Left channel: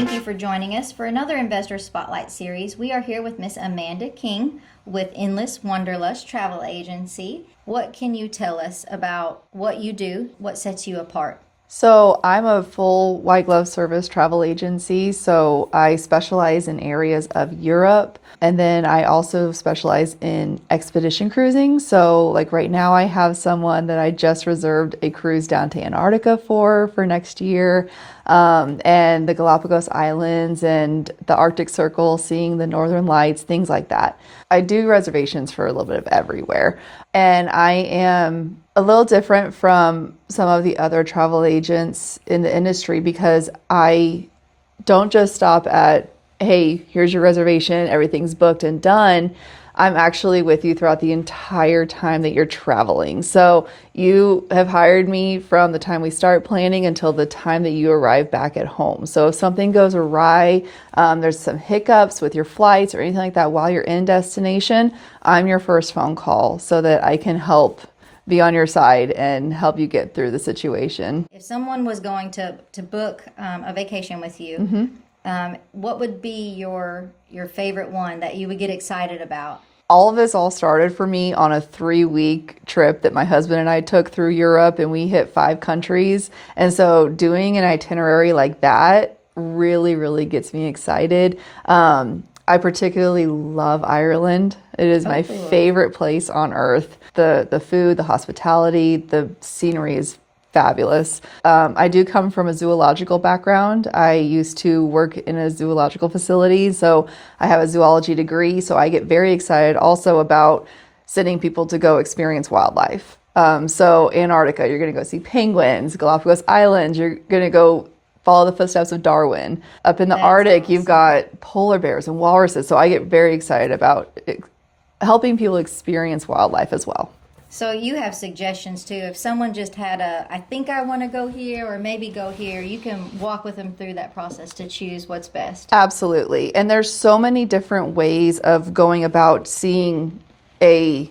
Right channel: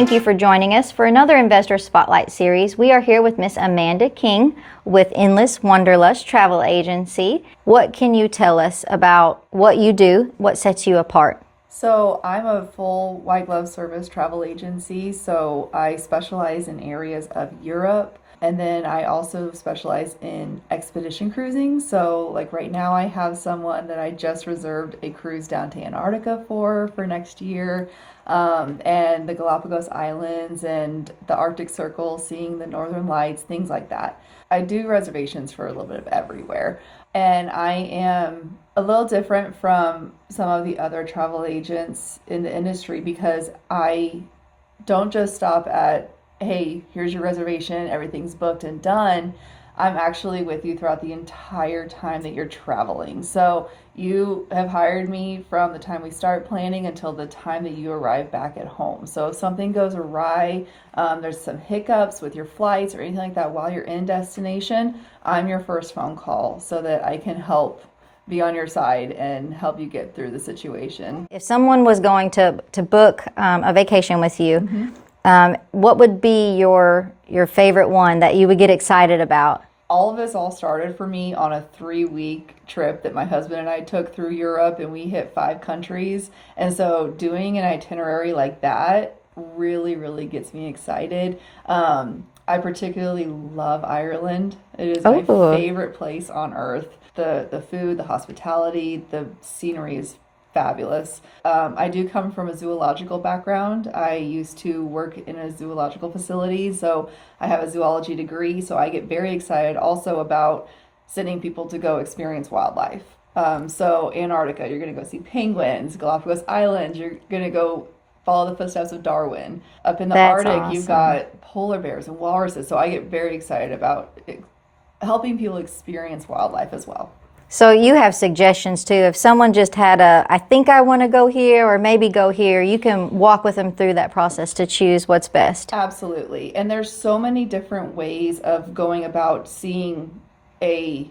Thank you for joining us for another Investor Spotlight series. We are here with Miss Amanda King with Endless Wanderlust Travel Agency. What can you tell us about what you do? What sets you apart? So I'm a full white glove service travel agency. So I specialize in areas of Europe, and then I also specialize in expedition cruising. So like right now I have someone that I just reserved a cruise down to Antarctica for next year, and the Galapagos Islands and the Arctic Circle, seeing the Northern Lights, things like that. I do reservations for a little bit of everywhere. And I am a little different from some of the other travel agents in the industry because I don't just stop at, hey, here's your reservation, everything's booked and done. I'm actually with you throughout the entire time that you're traveling. So you have hired me from the time we start planning until the time that you arrive back at home. So if something goes awry, there's some hiccups with your flights or anything like that while you're in destination, I'm your first phone call so that I can help be on your side and help you get through the situation. If someone was going to book a vacation with you, what would be your favorite one that you would get excited about? All of this all started for me on a 3-week trip that my husband and I took through Europe, and we hit 5 countries. And so doing an itinerary like that really, really gets me excited. I particularly love Ireland. It is my favorite place on earth. The food, the hospitality, the scenery is fabulous. I do come from a zoological background. I used to work in a zoological facility, so I have a zoology degree. So I get very excited also about sending people to go experience wildlife. So Antarctica, you're going to go see penguins. Galapagos Islands, you're going to go follow the footsteps of Darwin. Up in the Arctic, you've got polar bears and walruses. So I get very excited about helping people experience wildlife as well. So you have suggestions too. If someone just had I think I want to go here or maybe go here, you can walk with them through that process to choose what's best. Absolutely. And there's so many different ways of going about seeing a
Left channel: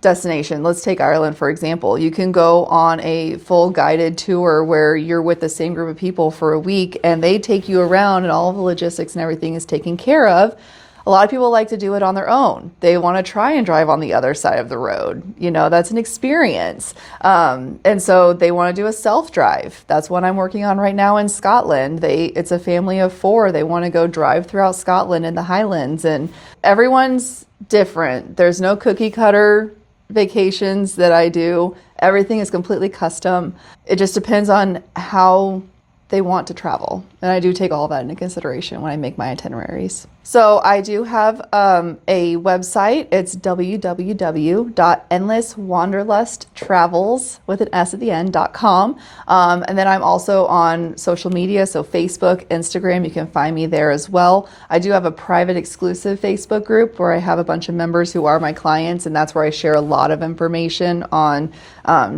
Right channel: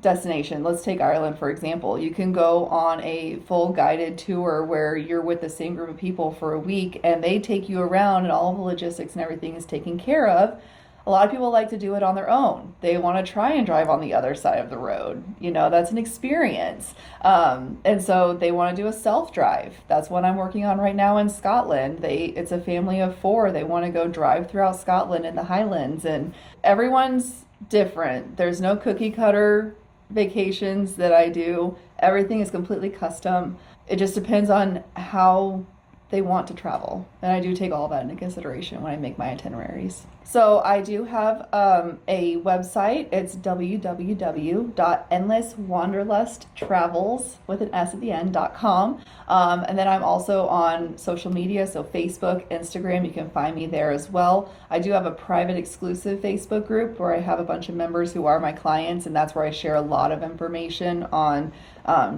destination. Let's take Ireland, for example. You can go on a full guided tour where you're with the same group of people for a week and they take you around and all of the logistics and everything is taken care of. A lot of people like to do it on their own. They want to try and drive on the other side of the road. You know, that's an experience. And so they want to do a self-drive. That's what I'm working on right now in Scotland. It's a family of 4. They want to go drive throughout Scotland in the Highlands. And everyone's different. There's no cookie cutter vacations that I do. Everything is completely custom. It just depends on how they want to travel. And I do take all of that into consideration when I make my itineraries. So I do have a website. It's www.endlesswanderlusttravels with an S at the end.com. And then I'm also on social media. So Facebook, Instagram, you can find me there as well. I do have a private exclusive Facebook group where I have a bunch of members who are my clients. And that's where I share a lot of information on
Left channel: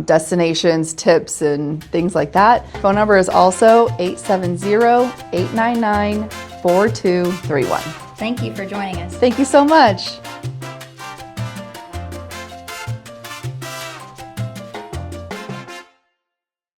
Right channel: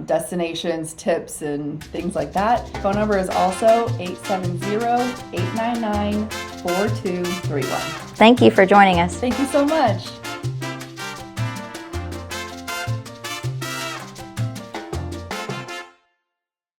destinations, tips, and things like that. Phone number is also 870-899-4231. Thank you for joining us. Thank you so much.